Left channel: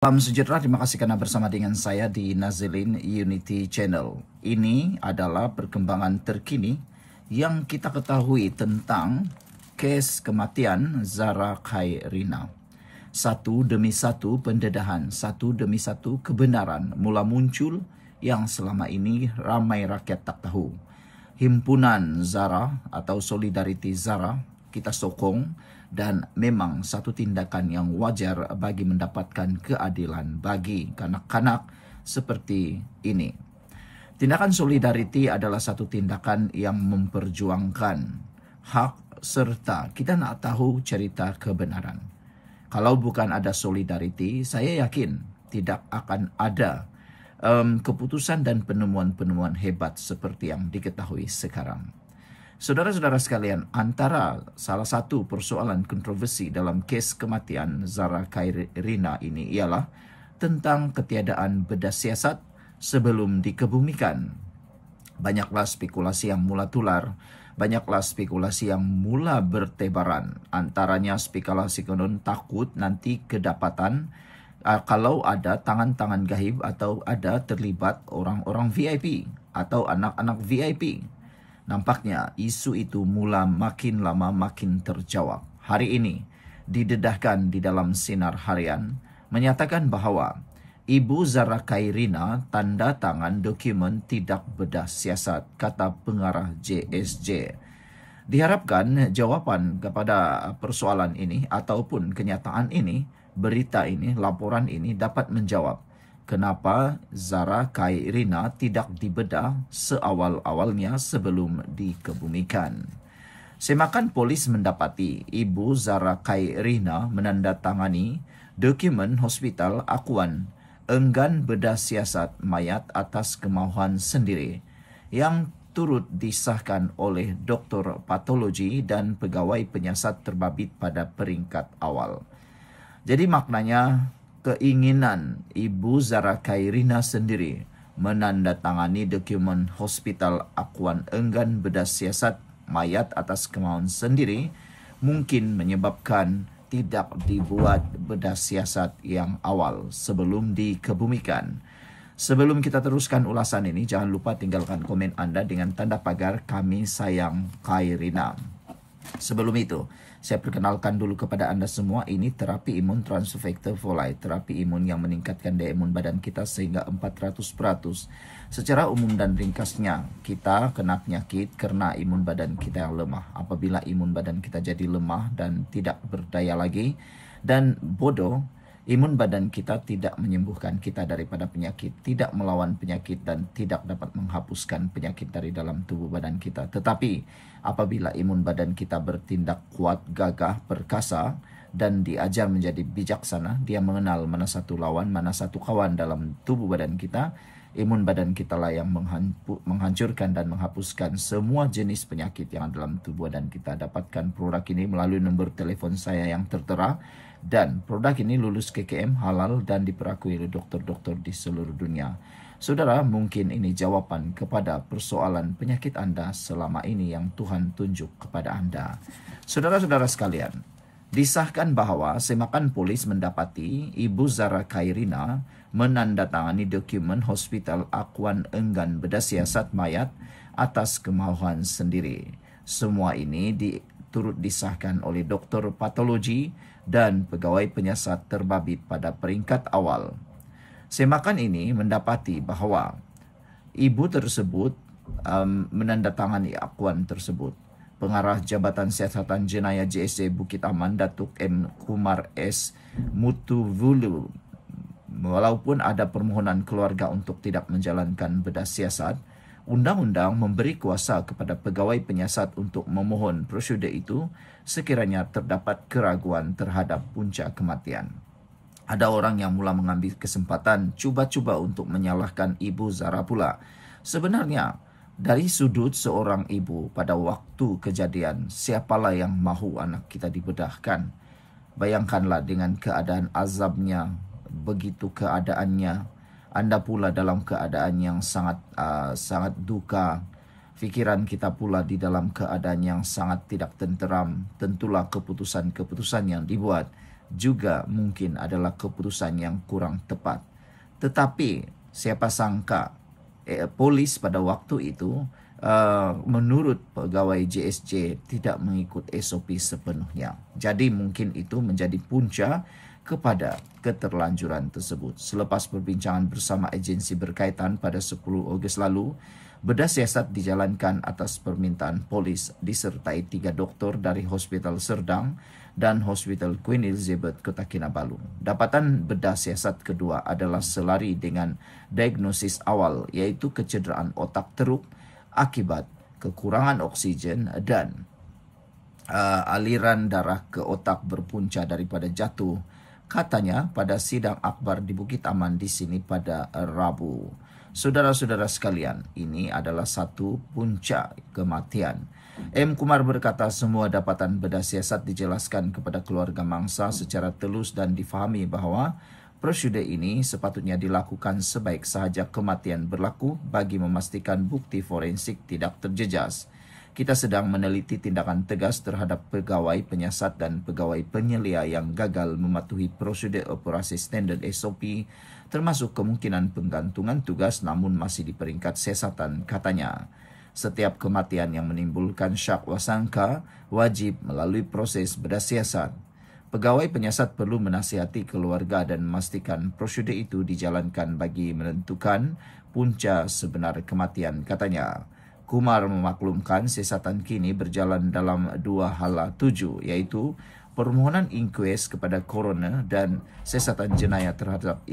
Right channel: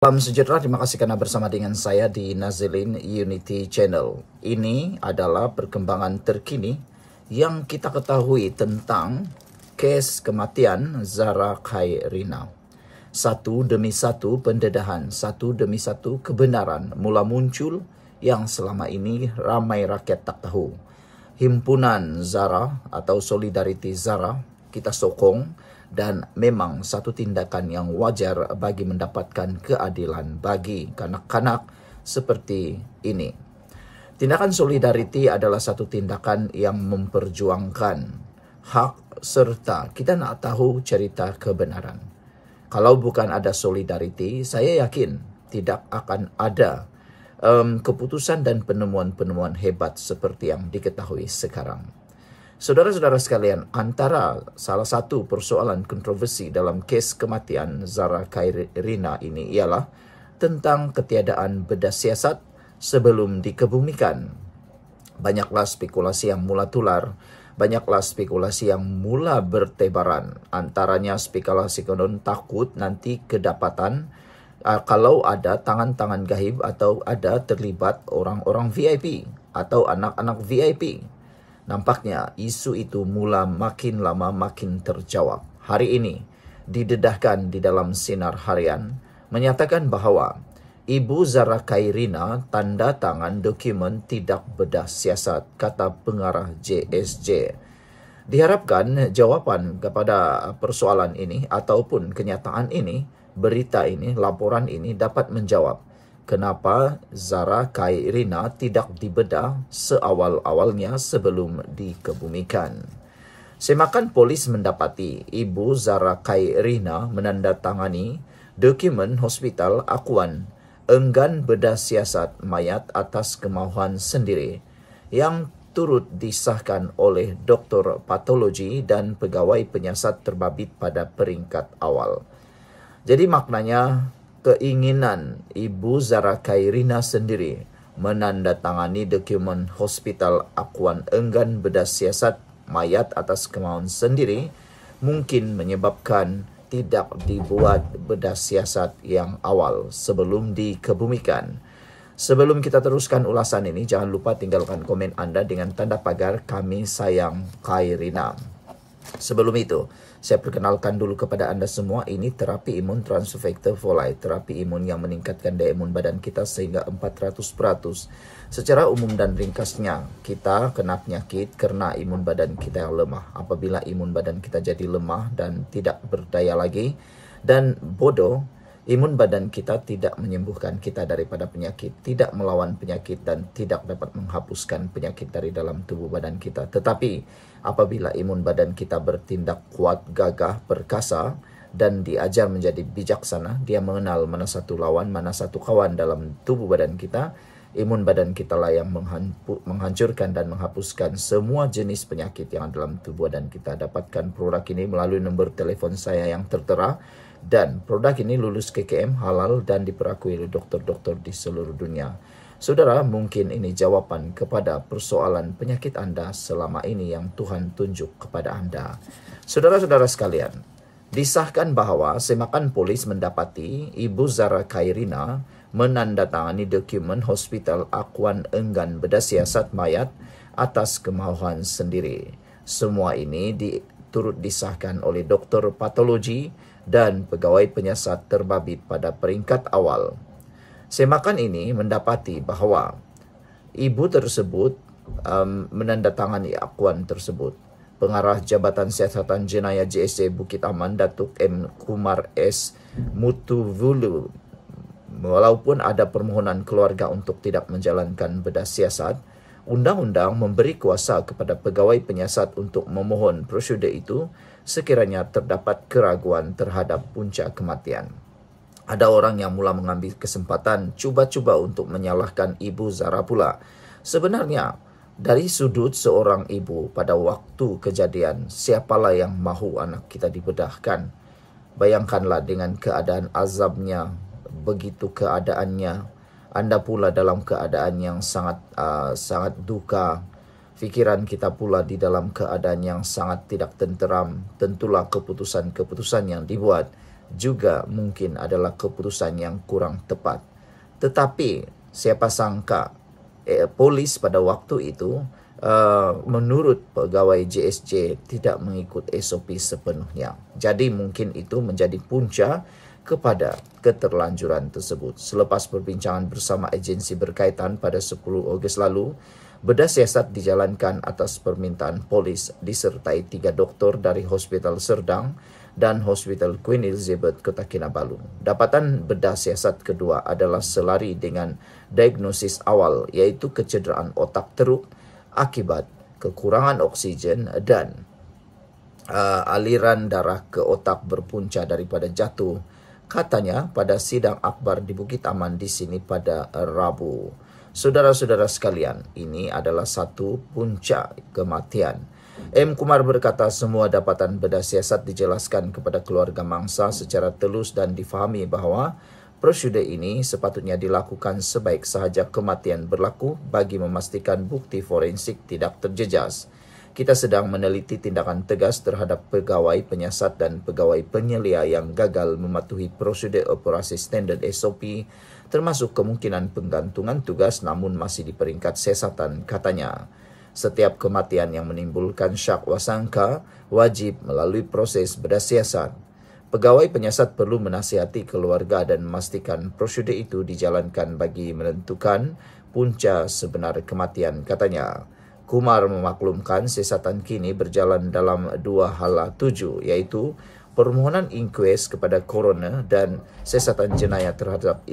Salam sejahtera, terima kasih karena bersama dengan saya di Nazilin Unity Channel. Ini adalah perkembangan terkini yang kita ketahui tentang kes kematian Zara Khairina. Satu demi satu pendedahan, satu demi satu kebenaran mula muncul yang selama ini ramai rakyat tak tahu. Himpunan Zara atau Solidarity Zara kita sokong, dan memang satu tindakan yang wajar bagi mendapatkan keadilan bagi kanak-kanak seperti ini. Tindakan solidariti adalah satu tindakan yang memperjuangkan hak serta kita nak tahu cerita kebenaran. Kalau bukan ada solidariti, saya yakin tidak akan ada keputusan dan penemuan-penemuan hebat seperti yang diketahui sekarang. Saudara-saudara sekalian, antara salah satu persoalan kontroversi dalam kes kematian Zara Khairina ini ialah tentang ketiadaan bedah siasat sebelum dikebumikan. Banyaklah spekulasi yang mula tular, banyaklah spekulasi yang mula bertebaran. Antaranya spekulasi konon takut nanti kedapatan kalau ada tangan-tangan gaib atau ada terlibat orang-orang VIP atau anak-anak VIP. Nampaknya isu itu mula makin lama makin terjawab. Hari ini didedahkan di dalam sinar harian menyatakan bahwa Ibu Zara Khairina tanda tangan dokumen tidak bedah siasat, kata pengarah JSJ. Diharapkan jawapan kepada persoalan ini ataupun kenyataan ini, berita ini, laporan ini dapat menjawab kenapa Zara Khairina tidak dibedah seawal-awalnya sebelum dikebumikan. Semakan polis mendapati Ibu Zara Khairina menandatangani dokumen hospital akuan enggan bedah siasat mayat atas kemahuan sendiri yang turut disahkan oleh doktor patologi dan pegawai penyiasat terbabit pada peringkat awal. Jadi maknanya keinginan Ibu Zara Khairina sendiri menandatangani dokumen hospital akuan enggan bedah siasat mayat atas kemauan sendiri mungkin menyebabkan tidak dibuat bedah siasat yang awal sebelum dikebumikan. Sebelum kita teruskan ulasan ini, jangan lupa tinggalkan komen Anda dengan tanda pagar kami sayang Khairina. Sebelum itu, saya perkenalkan dulu kepada Anda semua, ini terapi imun transfer factor folate, terapi imun yang meningkatkan daya imun badan kita sehingga 400%. Secara umum dan ringkasnya, kita kena penyakit karena imun badan kita yang lemah. Apabila imun badan kita jadi lemah dan tidak berdaya lagi dan bodoh, imun badan kita tidak menyembuhkan kita daripada penyakit, tidak melawan penyakit dan tidak dapat menghapuskan penyakit dari dalam tubuh badan kita. Tetapi apabila imun badan kita bertindak kuat, gagah, perkasa dan diajar menjadi bijaksana, dia mengenal mana satu lawan, mana satu kawan dalam tubuh badan kita, imun badan kita lah yang menghancurkan dan menghapuskan semua jenis penyakit yang dalam tubuh badan kita. Dapatkan produk ini melalui nombor telefon saya yang tertera. Dan produk ini lulus KKM, halal dan diperakui oleh dokter-dokter di seluruh dunia. Saudara, mungkin ini jawaban kepada persoalan penyakit Anda selama ini yang Tuhan tunjuk kepada Anda. Saudara-saudara sekalian, disahkan bahwa semakan polis mendapati Ibu Zara Khairina menandatangani dokumen hospital akuan enggan bedah siasat mayat atas kemahuan sendiri. Semua ini turut disahkan oleh dokter patologi dan pegawai penyiasat terbabit pada peringkat awal. Semakan ini mendapati bahwa ibu tersebut menandatangani akuan tersebut. Pengarah Jabatan Siasatan Jenayah JSJ Bukit Aman, Datuk M. Kumar S. Mutuvulu, walaupun ada permohonan keluarga untuk tidak menjalankan bedah siasat, undang-undang memberi kuasa kepada pegawai penyiasat untuk memohon prosedur itu sekiranya terdapat keraguan terhadap punca kematian. Ada orang yang mula mengambil kesempatan cuba-cuba untuk menyalahkan Ibu Zara pula. Sebenarnya, dari sudut seorang ibu pada waktu kejadian, siapalah yang mahu anak kita dibedahkan? Bayangkanlah dengan keadaan azabnya, begitu keadaannya, Anda pula dalam keadaan yang sangat duka. Fikiran kita pula di dalam keadaan yang sangat tidak tenteram. Tentulah keputusan-keputusan yang dibuat juga mungkin adalah keputusan yang kurang tepat. Tetapi siapa sangka polis pada waktu itu menurut pegawai JSJ tidak mengikut SOP sepenuhnya. Jadi mungkin itu menjadi punca kepada keterlanjuran tersebut. Selepas perbincangan bersama agensi berkaitan pada 10 Ogos lalu, bedah siasat dijalankan atas permintaan polis disertai 3 doktor dari Hospital Serdang dan Hospital Queen Elizabeth Kota Kinabalu. Dapatan bedah siasat kedua adalah selari dengan diagnosis awal, yaitu kecederaan otak teruk akibat kekurangan oksigen dan aliran darah ke otak berpunca daripada jatuh, katanya pada sidang akbar di Bukit Aman di sini pada Rabu. Saudara-saudara sekalian, ini adalah satu puncak kematian. M. Kumar berkata semua dapatan bedah siasat dijelaskan kepada keluarga mangsa secara telus dan difahami bahawa prosedur ini sepatutnya dilakukan sebaik sahaja kematian berlaku bagi memastikan bukti forensik tidak terjejas. Kita sedang meneliti tindakan tegas terhadap pegawai penyiasat dan pegawai penyelia yang gagal mematuhi prosedur operasi standard SOP, termasuk kemungkinan penggantungan tugas namun masih di peringkat siasatan, katanya. Setiap kematian yang menimbulkan syak wasangka wajib melalui proses bedah siasat. Pegawai penyiasat perlu menasihati keluarga dan memastikan prosedur itu dijalankan bagi menentukan punca sebenar kematian, katanya. Kumar memaklumkan siasatan kini berjalan dalam 2 hala 7, iaitu permohonan inkues kepada coroner dan siasatan jenayah terhadap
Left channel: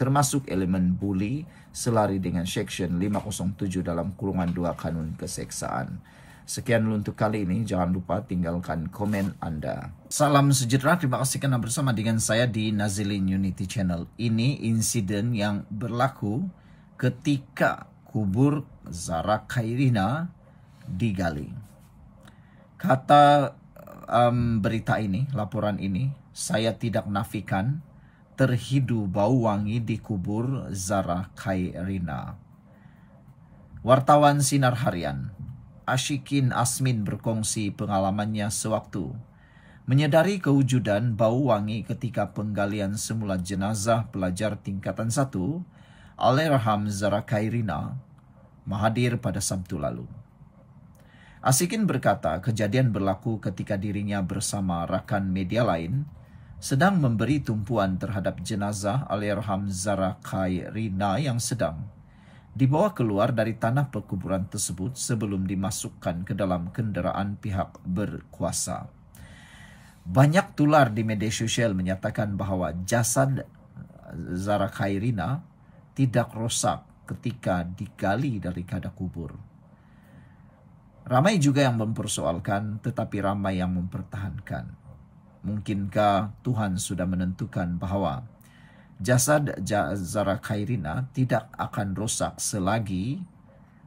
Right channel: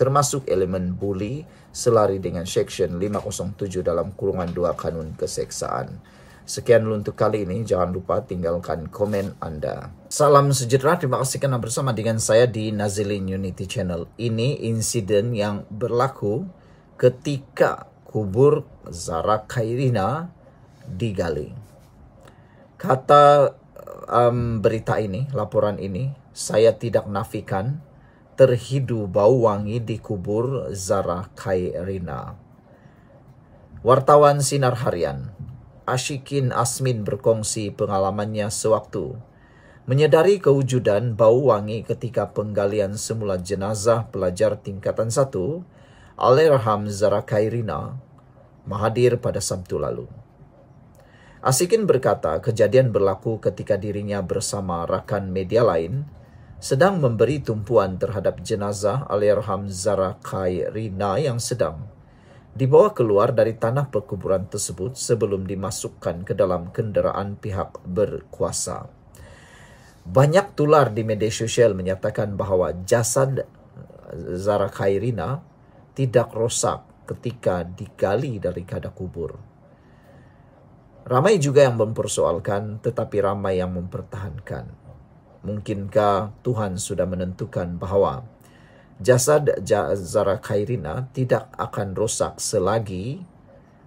termasuk elemen buli selari dengan Seksyen 507 dalam kurungan 2 Kanun Keseksaan. Sekian dulu untuk kali ini. Jangan lupa tinggalkan komen Anda. Salam sejahtera. Terima kasih kerana bersama dengan saya di Nazilin Unity Channel. Ini insiden yang berlaku ketika kubur Zara Khairina digali. Kata berita ini, laporan ini, saya tidak nafikan terhidu bau wangi di kubur Zara Khairina. Wartawan Sinar Harian Ashikin Asmin berkongsi pengalamannya sewaktu menyedari kewujudan bau wangi ketika penggalian semula jenazah pelajar tingkatan 1 Allahyarham Zara Khairina Mahathir pada Sabtu lalu. Ashikin berkata kejadian berlaku ketika dirinya bersama rakan media lain sedang memberi tumpuan terhadap jenazah Allahyarham Zara Khairina yang sedang dibawa keluar dari tanah perkuburan tersebut sebelum dimasukkan ke dalam kenderaan pihak berkuasa. Banyak tular di media sosial menyatakan bahawa jasad Zara Khairina tidak rosak ketika digali dari kadah kubur. Ramai juga yang mempersoalkan, tetapi ramai yang mempertahankan. Mungkinkah Tuhan sudah menentukan bahawa jasad Zara Khairina tidak akan rosak selagi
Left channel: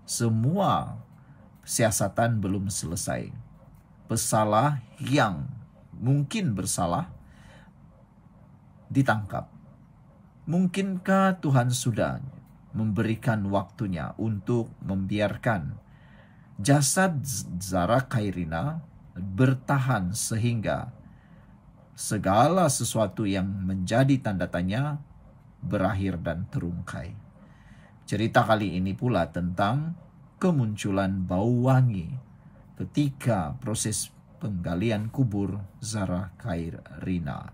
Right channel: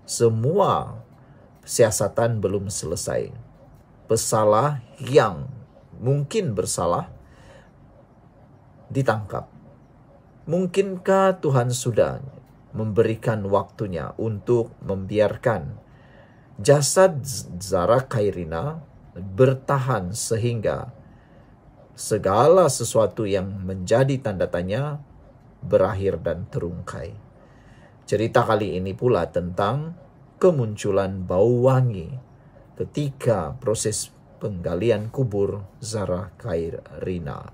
semua siasatan belum selesai. Pesalah yang mungkin bersalah ditangkap. Mungkinkah Tuhan sudah memberikan waktunya untuk membiarkan jasad Zara Khairina bertahan sehingga segala sesuatu yang menjadi tanda tanya berakhir dan terungkai. Cerita kali ini pula tentang kemunculan bau wangi ketika proses penggalian kubur Zara Khairina.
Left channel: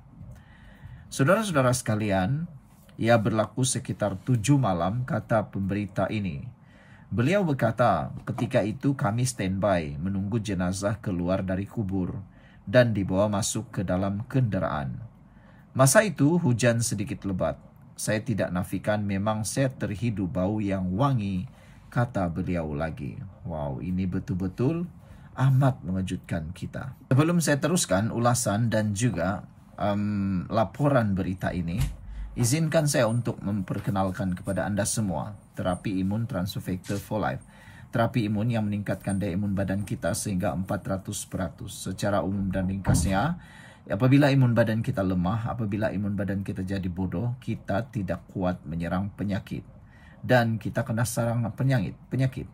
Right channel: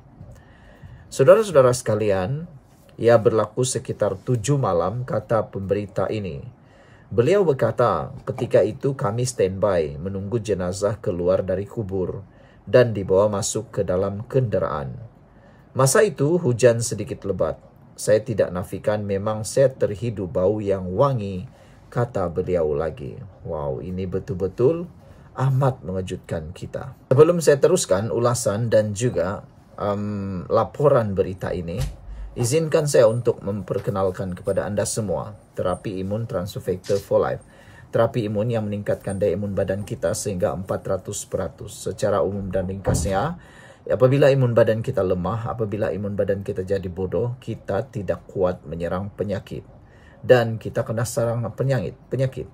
Saudara-saudara sekalian, ia berlaku sekitar 7 malam, kata pemberita ini. Beliau berkata, ketika itu kami standby menunggu jenazah keluar dari kubur dan dibawa masuk ke dalam kenderaan. Masa itu hujan sedikit lebat. Saya tidak nafikan memang saya terhidu bau yang wangi, kata beliau lagi. Wow, ini betul-betul amat mengejutkan kita. Sebelum saya teruskan ulasan dan juga laporan berita ini, izinkan saya untuk memperkenalkan kepada anda semua terapi imun Transfer Factor for Life. Terapi imun yang meningkatkan daya imun badan kita sehingga 400%. Secara umum dan ringkasnya, apabila imun badan kita lemah, apabila imun badan kita jadi bodoh, kita tidak kuat menyerang penyakit. Dan kita kena serang penyakit.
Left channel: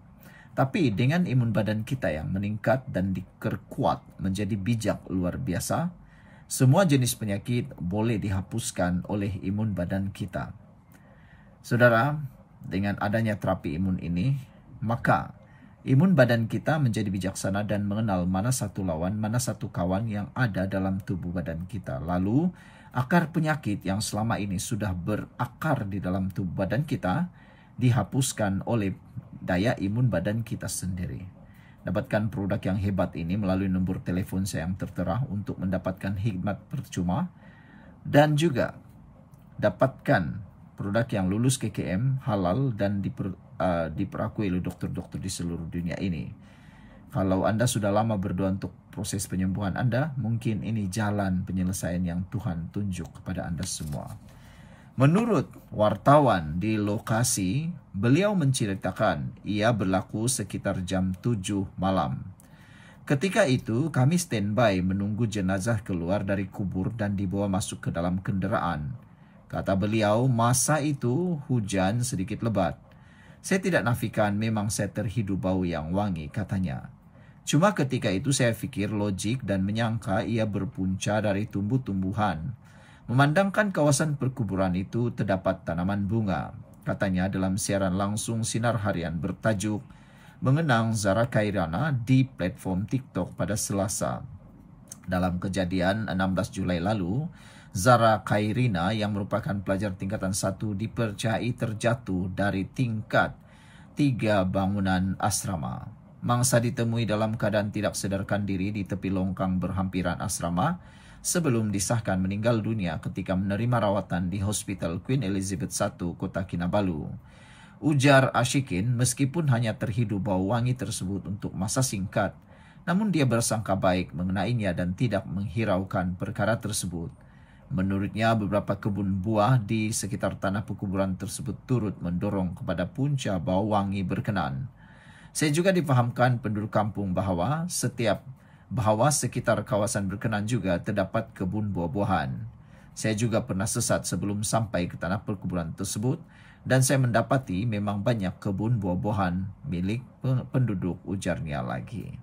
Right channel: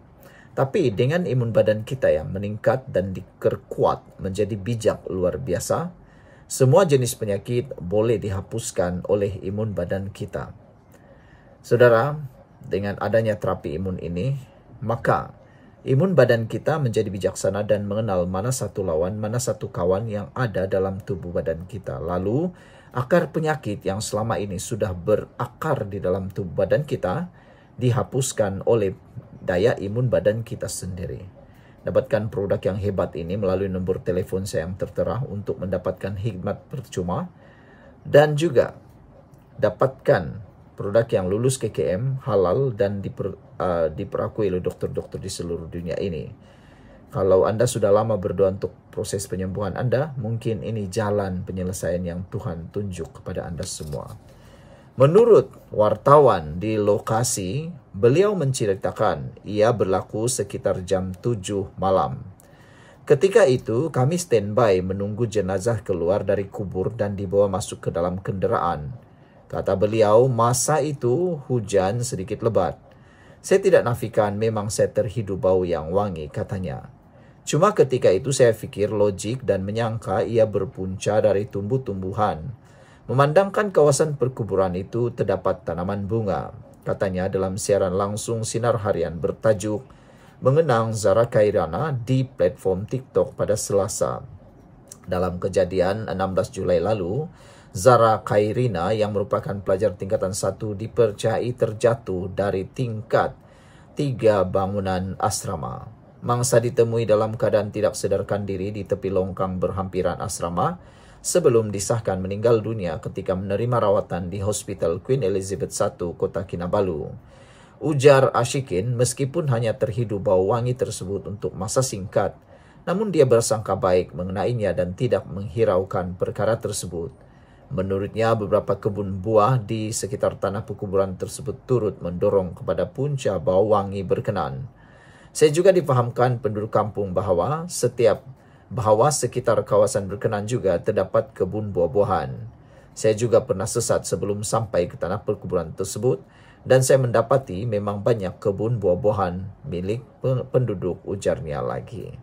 Tapi dengan imun badan kita yang meningkat dan diperkuat menjadi bijak luar biasa, Semua jenis penyakit boleh dihapuskan oleh imun badan kita. Saudara, dengan adanya terapi imun ini, maka imun badan kita menjadi bijaksana dan mengenal mana satu lawan, mana satu kawan yang ada dalam tubuh badan kita. Lalu, akar penyakit yang selama ini sudah berakar di dalam tubuh badan kita dihapuskan oleh daya imun badan kita sendiri. Dapatkan produk yang hebat ini melalui nomor telepon saya yang tertera untuk mendapatkan khidmat percuma, dan juga dapatkan produk yang lulus KKM, halal, dan diperakui oleh dokter-dokter di seluruh dunia ini. Kalau Anda sudah lama berdoa untuk proses penyembuhan Anda, mungkin ini jalan penyelesaian yang Tuhan tunjuk kepada Anda semua. Menurut wartawan di lokasi, beliau menceritakan ia berlaku sekitar jam 7 malam. Ketika itu, kami standby menunggu jenazah keluar dari kubur dan dibawa masuk ke dalam kendaraan. Kata beliau, masa itu hujan sedikit lebat. Saya tidak nafikan, memang saya terhidu bau yang wangi, katanya. Cuma ketika itu saya pikir logik dan menyangka ia berpunca dari tumbuh-tumbuhan. Memandangkan kawasan perkuburan itu terdapat tanaman bunga, katanya dalam siaran langsung Sinar Harian bertajuk Mengenang Zara Kairana di platform TikTok pada Selasa. Dalam kejadian 16 Julai lalu, Zara Kairina yang merupakan pelajar tingkatan 1 dipercayai terjatuh dari tingkat 3 bangunan asrama. Mangsa ditemui dalam keadaan tidak sadarkan diri di tepi longkang berhampiran asrama sebelum disahkan meninggal dunia ketika menerima rawatan di Hospital Queen Elizabeth I, Kota Kinabalu. Ujar Ashikin, meskipun hanya terhidu bau wangi tersebut untuk masa singkat, namun dia bersangka baik mengenainya dan tidak menghiraukan perkara tersebut. Menurutnya, beberapa kebun buah di sekitar tanah pekuburan tersebut turut mendorong kepada punca bau wangi berkenan. Saya juga dipahamkan penduduk kampung bahwa sekitar kawasan berkenan juga terdapat kebun buah-buahan. Saya juga pernah sesat sebelum sampai ke tanah perkuburan tersebut dan saya mendapati memang banyak kebun buah-buahan milik penduduk, ujarnya lagi.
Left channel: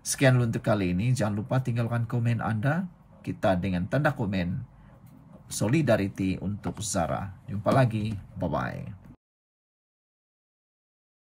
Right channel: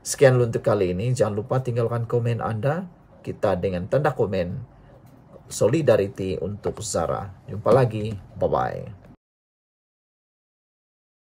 Sekian untuk kali ini, jangan lupa tinggalkan komen Anda. Kita dengan tanda komen solidarity untuk Zara. Jumpa lagi, bye-bye.